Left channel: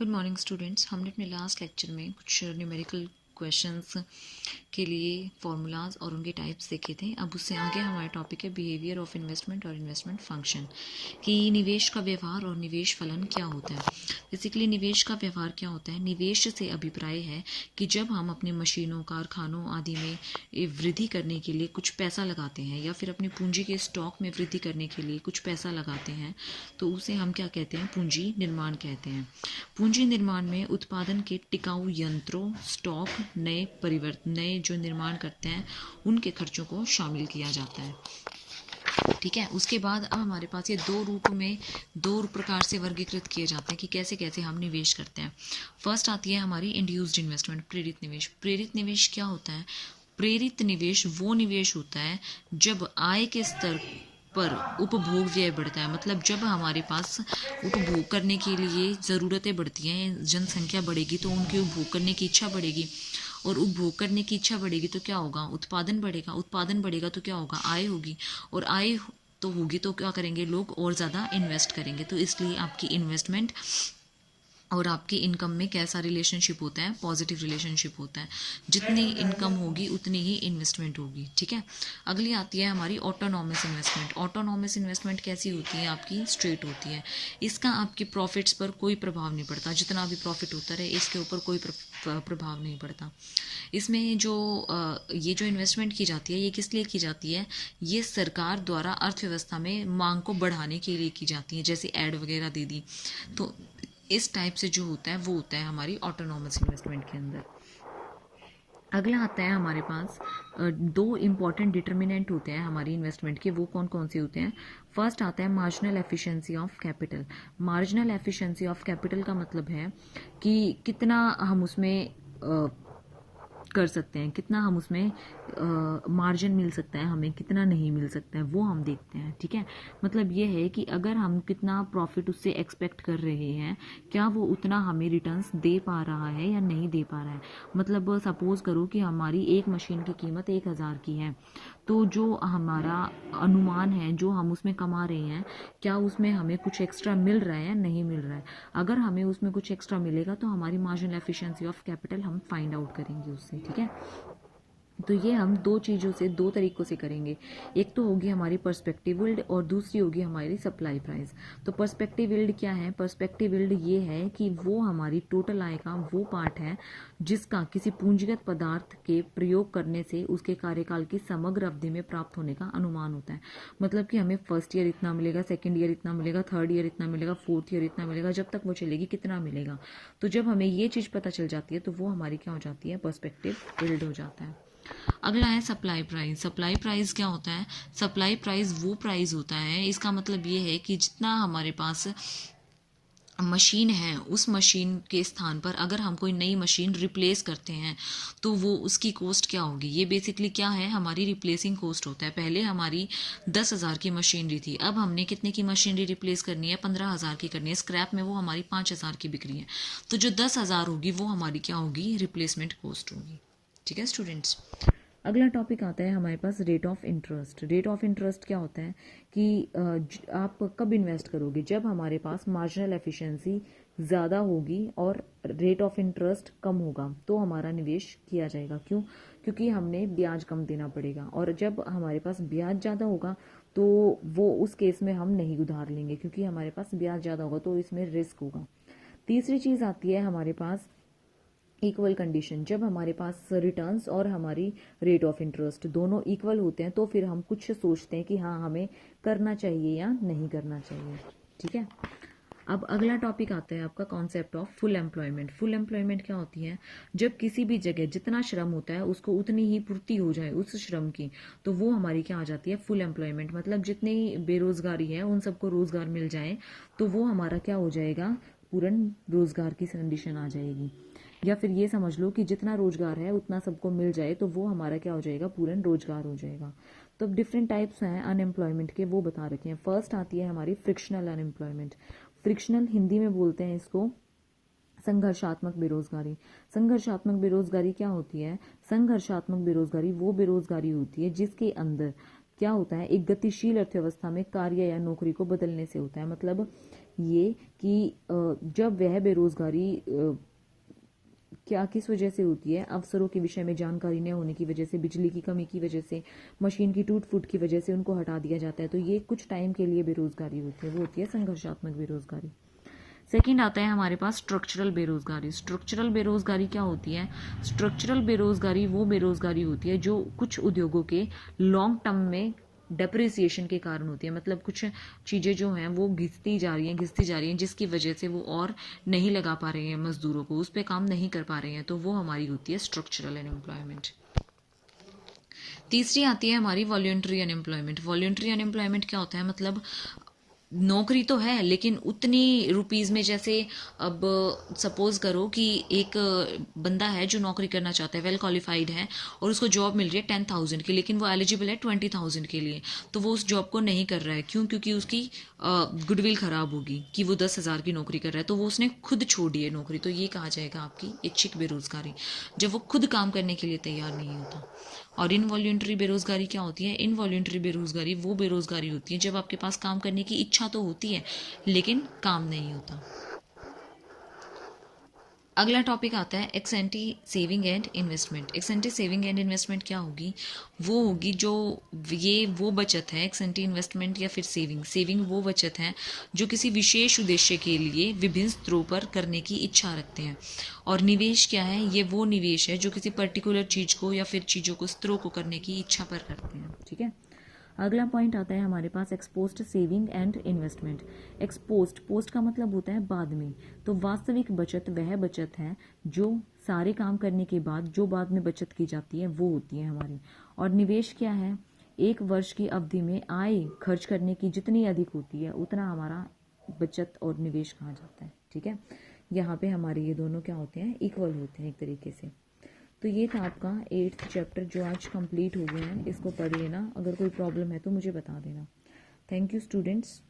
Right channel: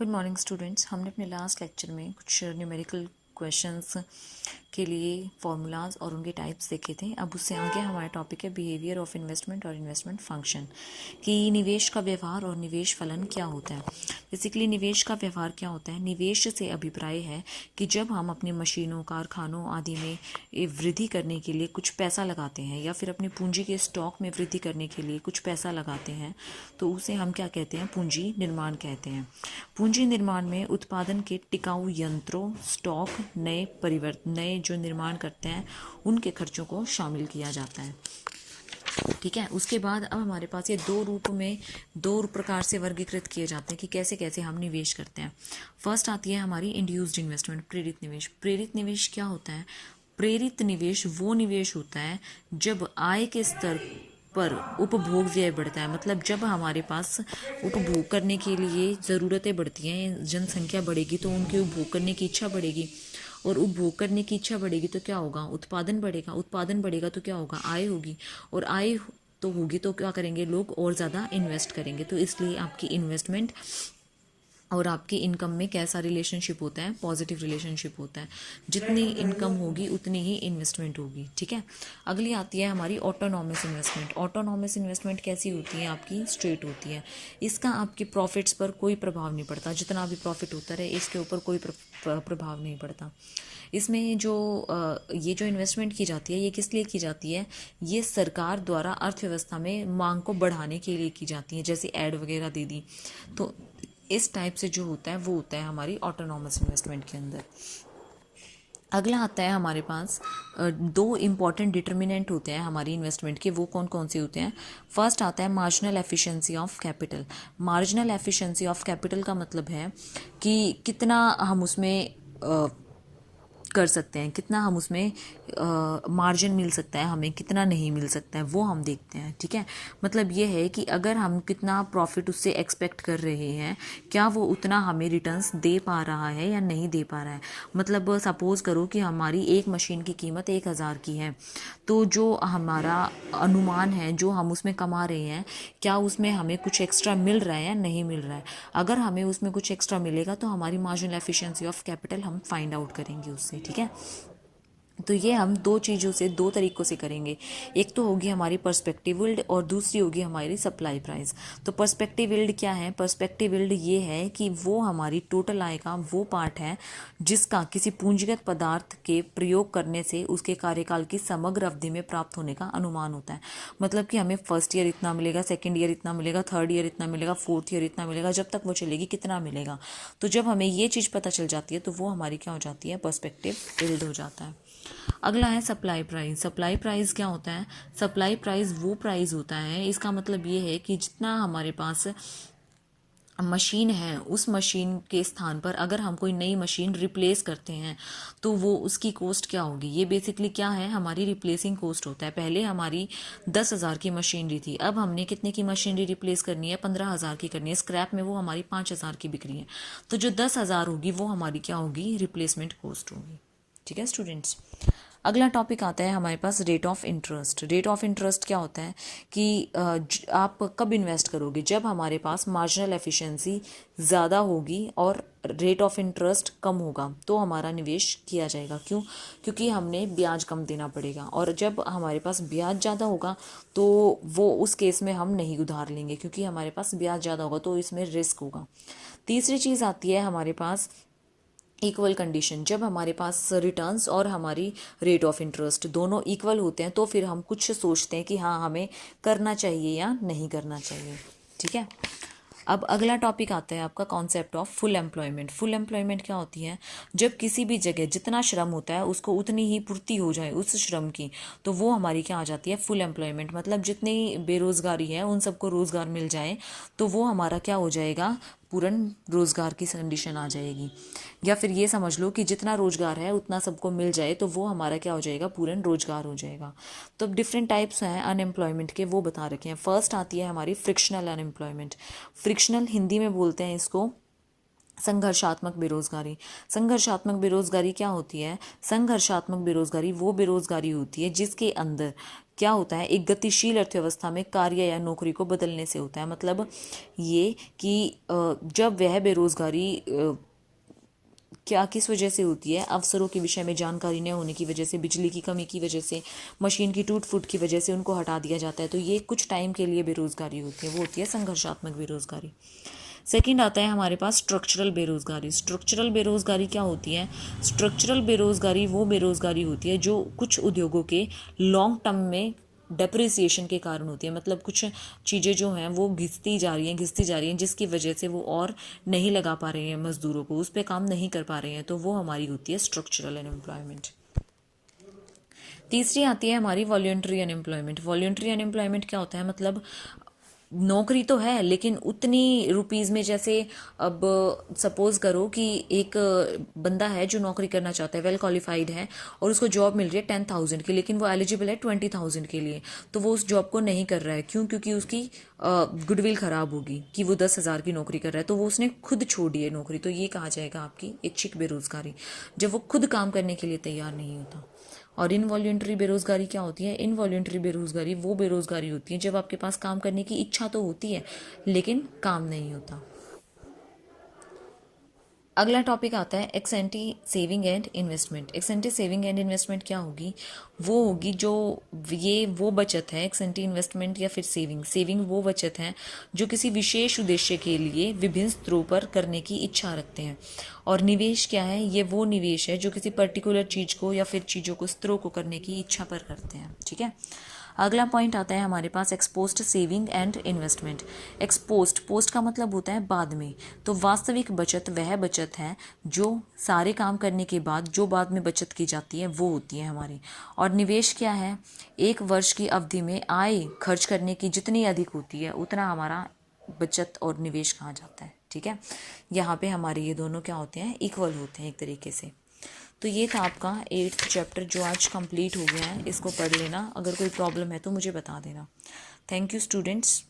Good morning students. हमने अपने last lecture में कुछ न्यूमेरिकल क्वेश्चंस के लिए फॉर्मूलाज और उनके टाइप्स देखे थे। अब उससे आगे हमारा टॉपिक है बिहेवियर ऑफ इन्वेस्टमेंट और इन्वेस्टमेंट फंक्शन, कि निवेश का व्यवहार और निवेश फलन क्या होता है। बेसिकली निवेश का व्यवहार क्या होता है? निवेश से अभिप्राय है कि जब हम अपनी मशीनों, कारखानों आदि में वृद्धि करने के लिए कुछ पैसा लगाते हैं या फिर अपनी पूंजी के स्टॉक में वृद्धि करने के लिए कुछ पैसा लगाते हैं, तो उसे हम क्या कहते हैं? पूंजी निर्माण कहते हैं। पूंजी निर्माण में उत्पादन के टिकाऊ यंत्रों, स्टॉक, नए जो निर्माण करते हैं उनके खर्चों को शामिल किया जाता है। ठीक है। उसके बाद अब हमारे पास ये दो प्रकार से वर्गीकृत किए जाते हैं कि कैसे कैसे हम निवेश करते हैं। फर्स्ट आती है हमारी इंड्यूस्ड इन्वेस्टमेंट, प्रेरित निवेश। प्रेरित निवेश क्या होता है? प्रेरित निवेश वो निवेश होता है जब आय के स्तर पर उपभोग व्यय बढ़ता है। मतलब जब हमारे पास उपभोग करने के लिए ज़रूरतें बढ़ती हैं, जनसंख्या बढ़ेगी तो उनकी उपभोग करने की इच्छा बढ़ेगी, और उपभोग करने की इच्छा बढ़ेगी तो क्या होगा? उत्पादन बढ़ेगा। उत्पादन बढ़ेगा तो क्या होगा? आय होगी, और आय तो होगी तो क्या करेंगे लोग? और ज़्यादा इन्वेस्ट करेंगे। तो इसलिए आपकी इन्वेस्टमेंट और आपकी इनकम में कैसा रिलेशनशिप होता है? पॉजिटिव रिलेशनशिप होता है। जितनी इनकम होगी उतनी ही इन्वेस्टमेंट होगी। ठीक है। अगली आती है हमारी ऑटोनॉमस इन्वेस्टमेंट। ऑटोनॉमस इन्वेस्टमेंट कैसी होती है? आपकी स्ट्रेट होती है। इसका आपके प्रॉफिट्स पर कोई प्रभाव नहीं पड़ता। जितना भी प्रॉफिट होता रहे इसके ऊपर कोई प्रभाव नहीं पड़ता। इसमें ये जो इन्वेस्टमेंट की जाती है ये किस लिए की जाती है? ये सरकार द्वारा अर्थव्यवस्था में मांग को बढ़ाने के लिए की जाती है। जैसे ऐड वगैरह दे दी, तो इस टाइप से जो होता है वो होता है हमारी ऑटोनॉमस इन्वेस्टमेंट के अंदर। अगला आता है हमारे पास दो इम्पॉर्टेंट डिटर्मिनेंट होते हैं हमारी इन्वेस्टमेंट के। वो कौन कौन से होते हैं? फर्स्ट आता है marginal efficiency of capital. Marginal efficiency of capital का मतलब है कि कितना हम उसमें कर सकते हैं, कितना हम उसमें मार्जिन मिल सकता है, हमें कितना नहीं मिल सकता है, वो हम देखते हैं। ठीक है। मतलब ये है कि अगर हम कितना प्रॉफिट उससे एक्सपेक्ट कर रहे हैं, क्या वो उतना हमें रिटर्न्स दे पा रहा है या नहीं दे पा रहा है। मतलब सपोज करो कि हमारी एक मशीन की कीमत 1000 की है, तो जो हमारा अनुमान है, जो हम उसमें कमा रहे हैं, क्या उसमें हमें कुछ एक्स्ट्रा मिल रहा है या नहीं मिल रहा है। अगर हमें उसमें कुछ एक्स्ट्रा मिलेगा तो हमारी मार्जिनल एफिशिएंसी ऑफ कैपिटल हम फाइंड आउट करेंगे उससे। ठीक है। तो ये हम दो चीज़ों से, दो तरीक़ों से करेंगे। एक तो होगी हमारी पर्सपेक्टिव यील्ड और दूसरी होगी हमारी सप्लाई प्राइस। तो पर्सपेक्टिव यील्ड क्या है? पर्सपेक्टिव यील्ड ये है कि वो हमारी टोटल आय का वो पार्ट है जिसका किसी पूंजीगत पदार्थ के प्रयोग करने से उसके कार्यकाल की समग्र अवधि में प्राप्त होने का अनुमान होता है। मतलब कि हमें फर्स्ट ईयर इतना मिलेगा, सेकेंड ईयर इतना मिलेगा, थर्ड ईयर इतना मिलेगा, फोर्थ ईयर इतना मिलेगा, जब तक वो चलेगी कितना मिलेगा। तो जब हमें ये चीज़ पता चल जाती है तो वो हमारी क्या हो जाती है? पर्सपेक्टिव यील्ड हो जाता है। अगला है सप्लाई प्राइस। सप्लाई प्राइस क्या होता है? सप्लाई प्राइस वो प्राइस होता है, इसका मतलब ये है कि जितना हमारे पास मशीन है, उस मशीन के स्थान पर अगर हम कोई नई मशीन रिप्लेस करते हैं तो वो उसकी कॉस्ट क्या होगी। ये बेसिकली क्या है? हमारी रिप्लेसिंग कॉस्ट होता है। पहले हमारी 10,000 की मशीनरी थी, अब हमने कितने की मशीनरी रिप्लेस करनी है? 15,000 की करनी है। स्क्रैप में वो हमारी 5,000 की बिक रही है, तो जो 10,000 होगी वो हमारी क्या होगी? रिप्लेसमेंट कॉस्ट होगी। ठीक है स्टूडेंट्स। अगला टॉपिक आता है हमारे पास rate of interest. Rate of interest क्या होता है कि आप कब इन्वेस्ट करोगे? जब हमारे पास मार्जिनल एफिशिएंसी ज़्यादा होगी और रेट ऑफ इंटरेस्ट कम होगा तो हमारा निवेश किया जाएगा। क्यों? क्योंकि हमने ब्याज कम देना पड़ेगा, और जब हमारे पास ब्याज ज़्यादा होगा तो वो उस केस में हम नहीं उधार लेंगे, क्योंकि हमारे पास ब्याज ज़्यादा होगा तो इसमें रिस्क होगा। तीसरी चीज़ आती है हमारे पास इक्वल कंडीशन। जब हमारे पास रिटर्न्स और हमारी रेट ऑफ इंटरेस्ट दोनों इक्वल होते हैं तो फिर हम कुछ सोचते हैं कि हाँ हमें करना चाहिए या नहीं करना चाहिए। ठीक है। अब अगला टॉपिक आता है आपका concept of full employment. Full employment क्या होती है? जब किसी भी जगह जितना श्रम होता है उसको उतनी ही पूर्ति हो जाए उस श्रम की, तो वो हमारी क्या आ जाती है? Full employment. मतलब जितनी बेरोजगारी है उन सबको रोजगार मिल जाए तो वो हमारा क्या हो जाएगा? पूर्ण रोजगार की कंडीशन आ जाएगी। या फिर ये समझ लो कि जितना रोजगार है उतना सबको मिल जाए तो वो हमारा क्या हो जाएगा? पूर्ण रोजगार हो जाएगा। तो डिफरेंट टाइप्स हैं अनएम्प्लॉयमेंट के, वो बता रखे हैं। फर्स्ट आती है हमारी फ्रिक्शनल अनएम्प्लॉयमेंट। फ्रिक्शनल हिंदी में बोलते हैं इसको संघर्षात्मक बेरोजगारी। संघर्षात्मक बेरोजगारी क्या होती है? संघर्षात्मक बेरोजगारी वो बेरोजगारी होती है जिसके अंदर क्या होता है, एक गतिशील अर्थव्यवस्था में कार्य या नौकरी को बदलने से होता है। मतलब ये कि जब वह बेरोजगारी क्या किस वजह से होती है, अवसरों के विषय में जानकारी न होने की वजह से, बिजली की कमी की वजह से, मशीन की टूट फूट की वजह से उनको हटा दिया जाता है। तो ये कुछ टाइम के लिए बेरोजगारी होती है, वो होती है संघर्षात्मक बेरोजगारी। सेकंड आता है हमारे पास स्ट्रक्चरल बेरोजगारी। स्ट्रक्चरल बेरोजगारी क्या होती है? स्ट्रक्चरल बेरोजगारी वो बेरोजगारी होती है जो कुछ उद्योगों के लॉन्ग टर्म में डेप्रिसिएशन के कारण होती है। मतलब कुछ चीज़ें जो हैं वो घिसती जा रही हैं जिसकी वजह से वो और नहीं लगा पा रहे हैं मजदूरों को, उस पर काम नहीं कर पा रहे हैं, तो वो हमारी होती है स्ट्रक्चरल अनएम्प्लॉयमेंट। तीसरी आती है हमारी वॉल्यूंटरी अनएम्प्लॉयमेंट। वॉल्यूंटरी अनएम्प्लॉयमेंट क्या होता है? मतलब नौकरी तो है लेकिन उतनी रुपीज़ में, जैसे अब सपोज करो कि एक बंदा है जो नौकरी करना चाहता है, वेल क्वालिफाइड है, और उसको जॉब मिल रही है 10,000 की, लेकिन वो एलिजिबल है 20,000 के लिए, तो वो उस जॉब को नहीं कर रहा है। क्यों? क्योंकि उसकी गुडविल ख़राब होगी कि वो 10,000 की नौकरी कर रहा है, तो वो उसने खुद छोड़ दी है नौकरी। तो ये कहा जाएगा आपकी ऐच्छिक बेरोजगारी, जब वो खुद काम करने के लिए तैयार नहीं होता। और इनवॉल्यूंटरी बेरोजगारी क्या होती है? इनवॉल्यूंटरी बेरोजगारी वो बेरोजगारी होती है जब आपके पास काम करने की इच्छा तो होती है लेकिन काम नहीं होता। अगला टॉपिक आता है x anti saving and investment. X anti saving and investment क्या होगी? वो होगी जो ये वो बचत है, एक्स एंटी इन्वेस्टमेंट या फिर सेविंग। सेविंग वो बचत है जो किसी विशेष उद्देश्य के लिए विभिन्न स्तरों पर करने की इच्छा रखते हैं। और निवेश क्या है? ये वो निवेश है जो किसी पर्टिकुलर चीज़ को या फिर चीज़ों को, स्तरों को करने की इच्छा पर करते हैं। ठीक है। अगला पॉइंट आता है हमारे पास ex post saving and investment. Ex post, post का मतलब होता है बाद में, तो वास्तविक बचत वह बचत है जो सारे काम करने के बाद जो बाद में बचत की जाती है वो होती है हमारी। और निवेश क्या है? एक वर्ष की अवधि में आय खर्च करने की जितनी अधिक होती है उतना हमारा बचत और निवेश कहा जाता है। ठीक है। यहाँ पे हमारे ये दोनों क्या होते हैं? इक्वल होते हैं एक तरीके से। तो ये था आपका 8th चैप्टर जो आज कंप्लीट हो गया है। इसको पढ़ लेना, अगर कोई प्रॉब्लम है तो मुझे बता देना। Thank you students.